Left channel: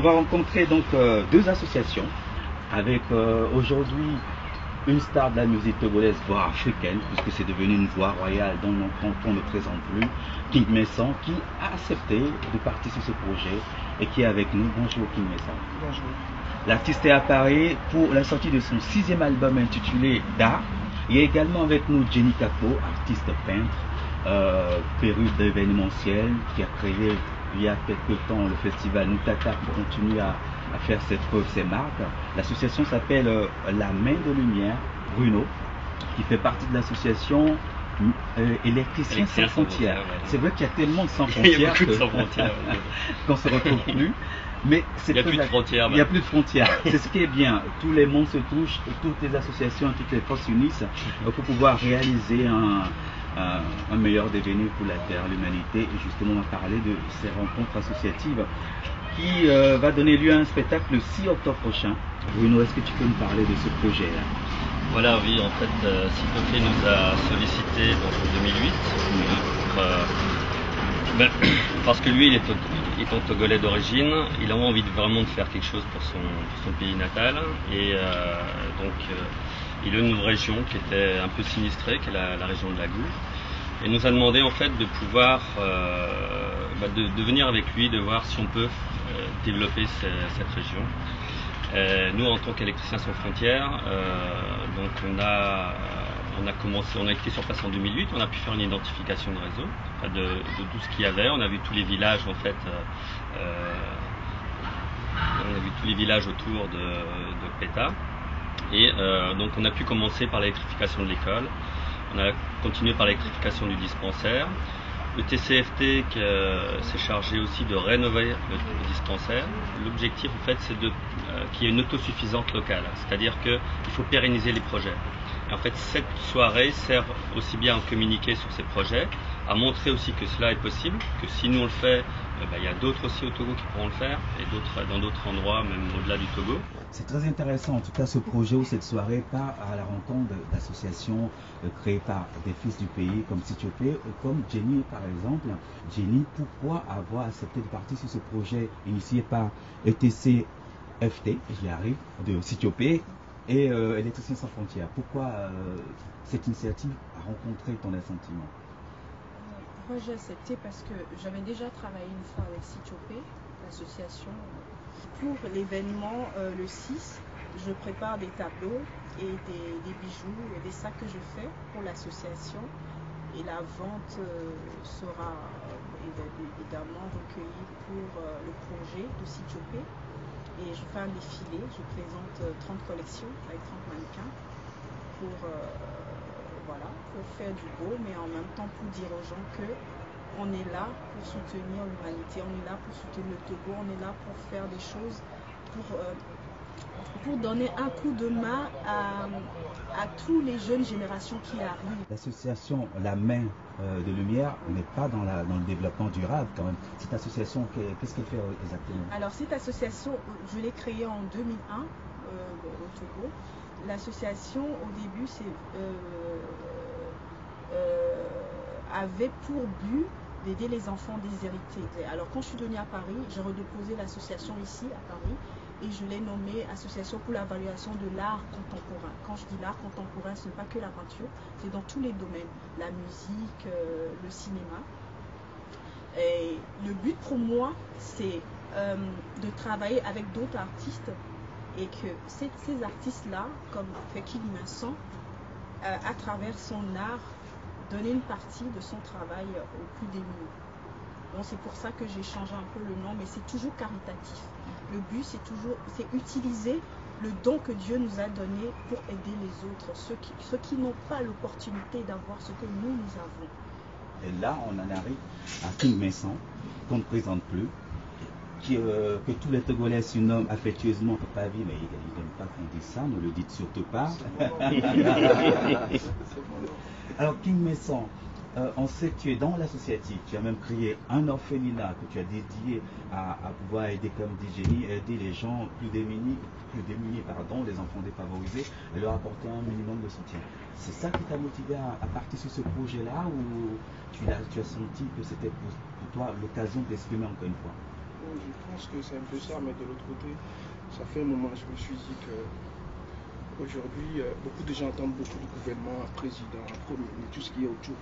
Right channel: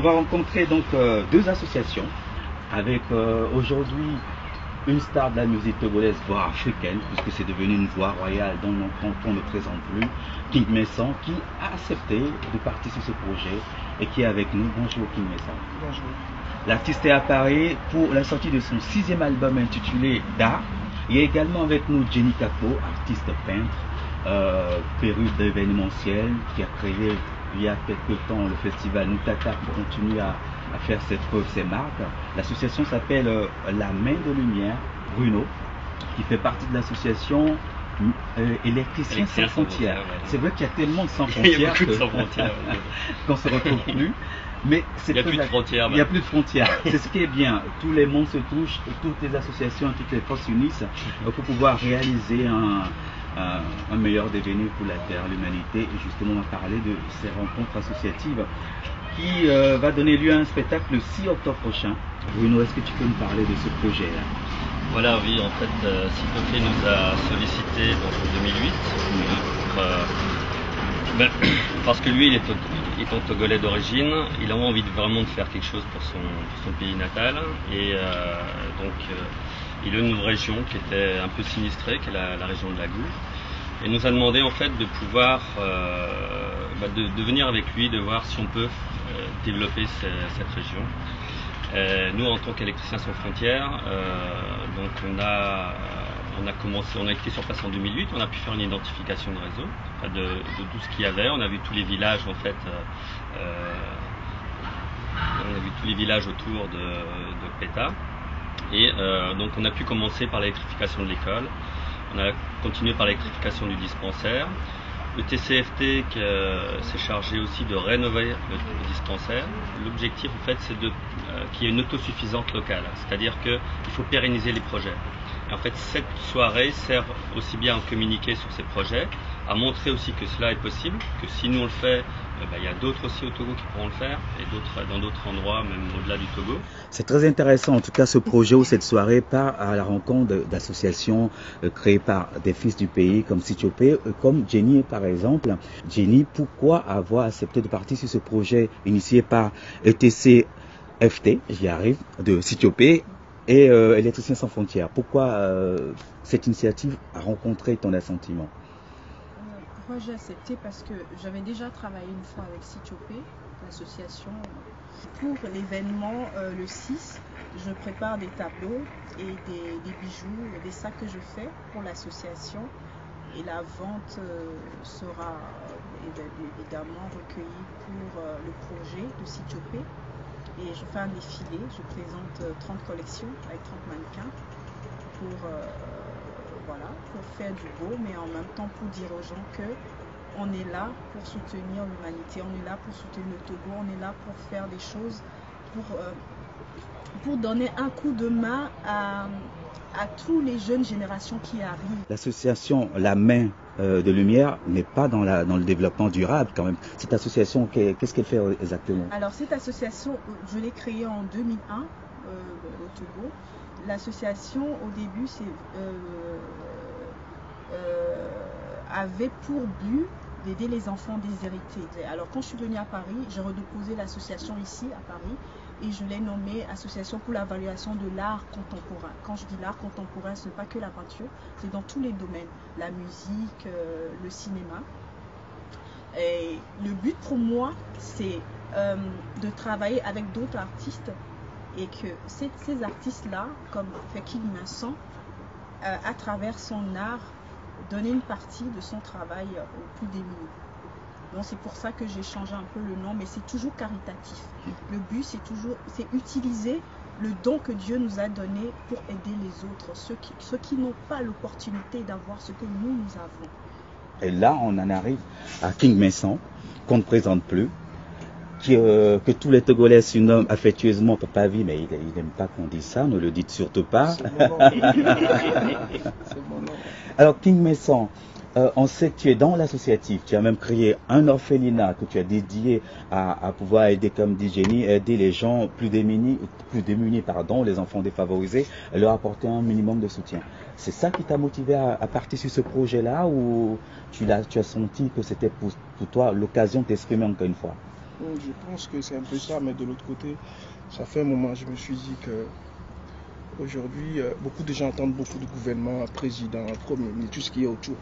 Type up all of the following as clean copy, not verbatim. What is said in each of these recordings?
on va rencontrer donc deux associations avec aujourd'hui une star de la musique togolaise, voire africaine, puisque c'est devenu une voix royale dont on ne présente plus, King Messon, qui a accepté de participer sur ce projet et qui est avec nous. Bonjour King Messon. Bonjour. L'artiste est à Paris pour la sortie de son 6e album intitulé Da. Il y a également avec nous Jenny Capo, artiste peintre, perruque d'événementiel, qui a créé il y a quelque temps le festival Nutaka qui continue à faire ses preuves, ses marques. L'association s'appelle La Main de Lumière, Bruno, qui fait partie de l'association Électriciens sans frontières. Ouais. C'est vrai qu'il y a tellement de sans frontières qu'on ne se retrouve plus. Mais il n'y a plus de frontières. Il n'y a plus de frontières. C'est ce qui est bien. Tous les mondes se touchent, toutes les associations, toutes les forces s'unissent pour pouvoir réaliser un meilleur devenir pour la Terre, l'humanité. Et justement, on va parler de ces rencontres associatives qui va donner lieu à un spectacle le 6 octobre prochain. Bruno, est-ce que tu peux nous parler de ce projet-là? Voilà, oui, en fait, Sitoké nous a sollicité en 2008 parce que lui, il est togolais d'origine, il a envie vraiment de faire quelque chose pour son pays natal, et donc il a une région qui était un peu sinistrée, qui est la région de la Gouve, et nous a demandé en fait de pouvoir de venir avec lui, de voir si on peut développer cette région. Nous, en tant qu'électriciens sans frontières, donc on a été sur place en 2008, on a pu faire une identification de réseau de tout ce qu'il y avait. On a vu tous les villages en fait, on a vu tous les villages autour de Péta, et donc on a pu commencer par l'électrification de l'école, on a continué par l'électrification du dispensaire. Le TCFT s'est chargé aussi de rénover le dispensaire. L'objectif en fait c'est qu'il y ait une autosuffisance locale, c'est-à-dire qu'il faut pérenniser les projets. Et en fait cette soirée sert aussi bien à communiquer sur ces projets, à montrer aussi que cela est possible, que si nous on le fait, il y a d'autres aussi au Togo qui pourront le faire, et dans d'autres endroits, même au-delà du Togo. C'est très intéressant, en tout cas, ce projet ou cette soirée part à la rencontre d'associations créées par des fils du pays, comme Sitiopé, comme Jenny, par exemple. Jenny, pourquoi avoir accepté de participer sur ce projet initié par ETCFT, j'y arrive, de Sitiopé et Électriciens sans frontières? Pourquoi cette initiative a rencontré ton assentiment? Pourquoi j'ai accepté? Parce que j'avais déjà travaillé une fois avec Sitiopé, l'association. Pour l'événement le 6, je prépare des tableaux et des bijoux et des sacs que je fais pour l'association. Et la vente sera évidemment recueillie pour le projet de Sitiopé. Et je fais un défilé, je présente 30 collections avec 30 mannequins pour faire du beau, mais en même temps pour dire aux gens que on est là pour soutenir l'humanité, on est là pour soutenir le Togo, on est là pour faire des choses, pour donner un coup de main à toutes les jeunes générations qui arrivent. L'association La Main de Lumière n'est pas dans le développement durable quand même. Cette association, qu'est-ce qu'elle fait exactement? Alors cette association, je l'ai créée en 2001 au Togo. L'association au début avait pour but d'aider les enfants déshérités. Alors quand je suis venue à Paris, j'ai redéposé l'association ici à Paris et je l'ai nommée Association pour l'évaluation de l'art contemporain. Quand je dis l'art contemporain, ce n'est pas que la peinture, c'est dans tous les domaines, la musique, le cinéma. Et le but pour moi, c'est de travailler avec d'autres artistes et que ces artistes-là, comme King Messon, à travers son art, donner une partie de son travail aux plus démunis. Donc c'est pour ça que j'ai changé un peu le nom, mais c'est toujours caritatif. Le but, c'est utiliser le don que Dieu nous a donné pour aider les autres, ceux qui n'ont pas l'opportunité d'avoir ce que nous avons. Et là, on en arrive à King Messon, qu'on ne présente plus, que tous les Togolais surnomment affectueusement Papa Vie, mais il n'aime pas qu'on dise ça, ne le dites surtout pas. Alors King Messon, on sait que tu es dans l'associatif, tu as même créé un orphelinat que tu as dédié à pouvoir aider, comme dit Jenny, aider les gens plus démunis, les enfants défavorisés, et leur apporter un minimum de soutien. C'est ça qui t'a motivé à partir sur ce projet-là, ou tu as senti que c'était pour toi l'occasion de t'exprimer encore une fois? Je pense que c'est un peu ça, mais de l'autre côté, ça fait un moment, je me suis dit que aujourd'hui, beaucoup de gens entendent beaucoup de gouvernements, président, premier ministre, tout ce qui est autour.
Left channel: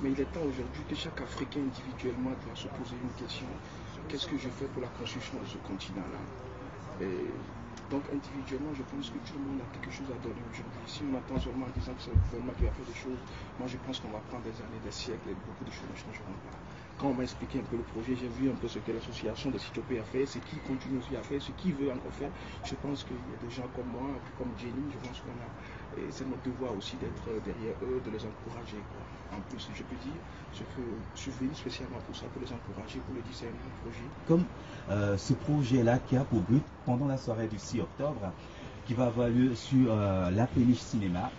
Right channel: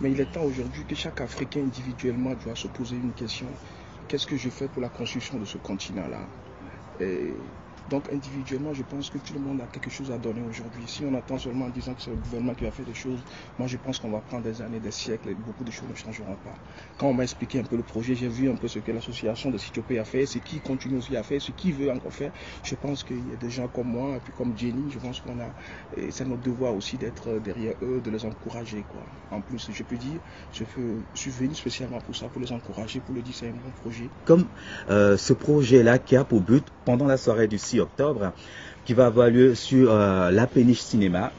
Mais il est temps aujourd'hui que chaque Africain individuellement doit se poser une question. Qu'est-ce que je fais pour la construction de ce continent-là? Donc individuellement, je pense que tout le monde a quelque chose à donner aujourd'hui. Si on attend seulement en disant que c'est le gouvernement qui va faire des choses, moi je pense qu'on va prendre des années, des siècles et beaucoup de choses ne changeront pas. Quand on m'a expliqué un peu le projet, j'ai vu un peu ce que l'association de Sitopé a fait, ce qui continue aussi à faire, ce qui veut encore faire. Je pense qu'il y a des gens comme moi, et puis comme Jenny, je pense qu'on a, c'est notre devoir aussi d'être derrière eux, de les encourager, quoi. En plus, je peux dire, je suis venu spécialement pour ça, pour les encourager, pour leur dire c'est un bon projet. Comme ce projet-là qui a pour but, pendant la soirée du 6 octobre, qui va avoir lieu sur la Péniche Cinéma.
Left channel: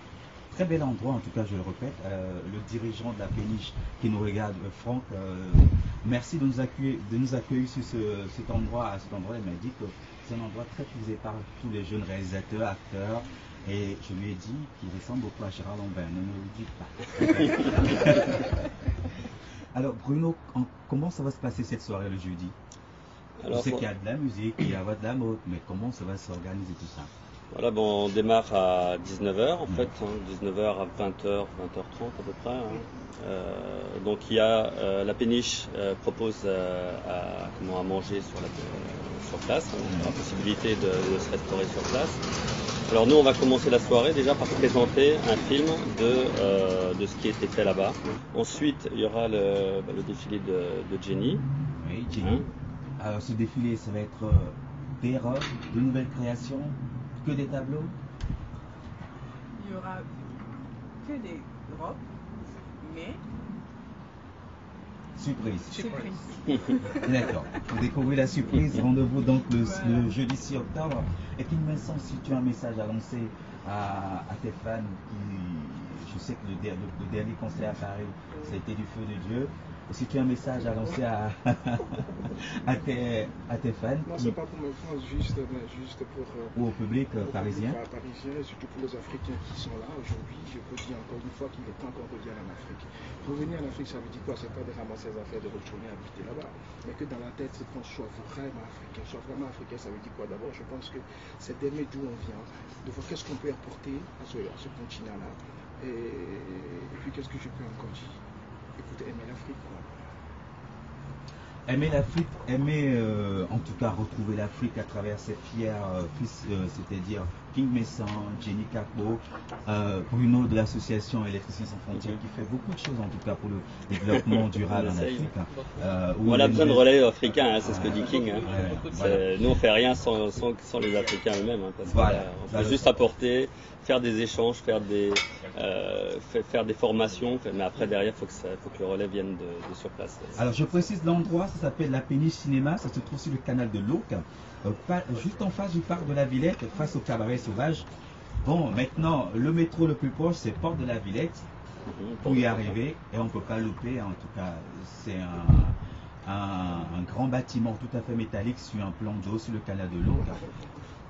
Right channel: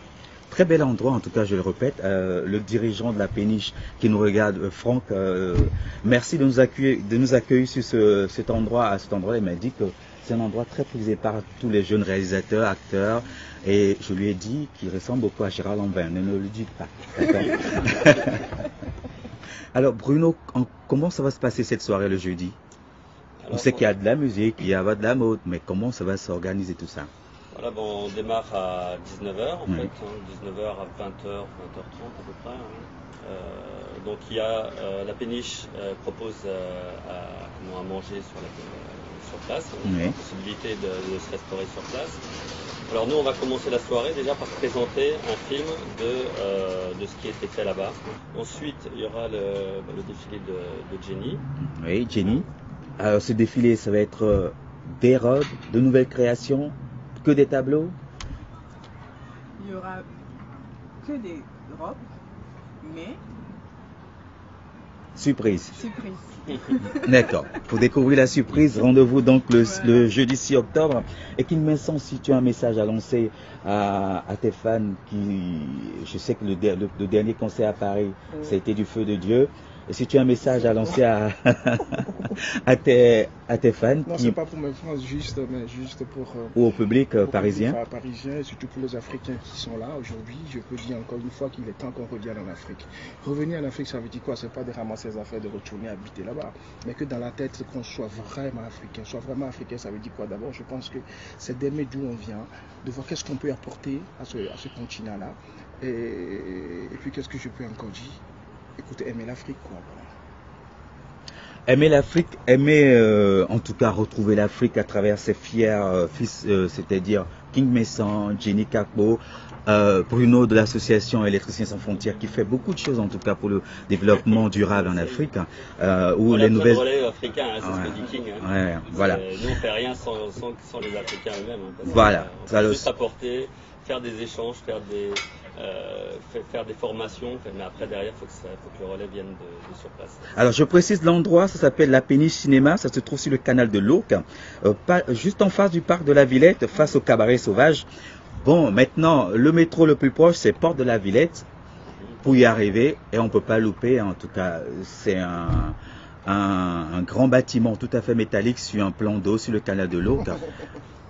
Très bel endroit, en tout cas, je le répète. Le dirigeant de la Péniche qui nous regarde, Franck, merci de nous accueillir sur cet endroit. À cet endroit, il m'a dit que c'est un endroit très prisé par tous les jeunes réalisateurs, acteurs. Et je lui ai dit qu'il ressemble beaucoup à Gérard Lambert. Ne le dites pas. Alors, Bruno, comment ça va se passer cette soirée le jeudi? On sait qu'il y a de la musique, il y a de la mode, mais comment ça va s'organiser tout ça? Voilà, bon, on démarre à 19h en fait, 19h à 20h, 20h30 à peu près. Donc il y a la Péniche propose à manger sur place, la possibilité de se restaurer sur place. Alors nous on va commencer la soirée déjà par présenter un film de ce qui a été fait là-bas. Ensuite il y aura le défilé de Jenny. Oui, Jenny. Alors ce défilé, ça va être des robes, de nouvelles créations, que des tableaux? Il y aura que des robes, mais... Surprise. Surprise. D'accord. Pour découvrir la surprise, rendez-vous donc le jeudi 6 octobre. Et qu'il me semble, si tu as un message à lancer à tes fans, je sais que le dernier concert à Paris, ça a été du feu de Dieu. Et si tu as un message à lancer à tes fans. Non, c'est pas pour mes fans, mais juste pour... ou au public parisien. Parisien, et surtout pour les Africains qui sont là aujourd'hui. Je peux dire encore une fois qu'il est temps qu'on revienne en Afrique. Revenir en Afrique, ça veut dire quoi? C'est pas de ramasser les affaires, de retourner habiter là-bas. Mais que dans la tête, qu'on soit vraiment africain. Soit vraiment africain, ça veut dire quoi? D'abord, je pense que c'est d'aimer d'où on vient, de voir qu'est-ce qu'on peut apporter à ce continent-là. Et puis, qu'est-ce que je peux encore dire? Écoutez, aimer l'Afrique, quoi. Aimer l'Afrique, aimer en tout cas retrouver l'Afrique à travers ses fiers fils, c'est-à-dire King Messan, Jenny Kakpo, Bruno de l'association Électriciens sans frontières qui fait beaucoup de choses en tout cas pour le développement durable en Afrique. On a besoin de relais africains, c'est ce que dit King. Voilà. Nous on fait rien sans les Africains eux-mêmes. Voilà. On peut juste apporter, faire des échanges, faire des formations, mais après derrière il faut que le relais vienne de sur place. Alors je précise l'endroit, ça s'appelle la Péniche Cinéma, ça se trouve sur le canal de l'Ourcq, juste en face du parc de la Villette, face au cabaret sauvage. Bon, maintenant le métro le plus proche c'est Porte de la Villette pour y arriver et on ne peut pas louper, en tout cas c'est un grand bâtiment tout à fait métallique sur un plan d'eau sur le canal de l'Ourcq.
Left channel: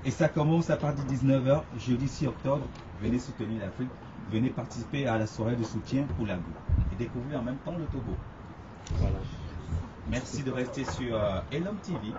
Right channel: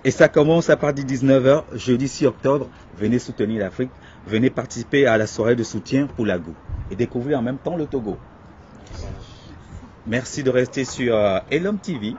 Et ça commence à partir de 19h, jeudi 6 octobre. Venez soutenir l'Afrique, venez participer à la soirée de soutien pour la GOU et découvrir en même temps le Togo. Voilà. Merci de rester sur Elom TV.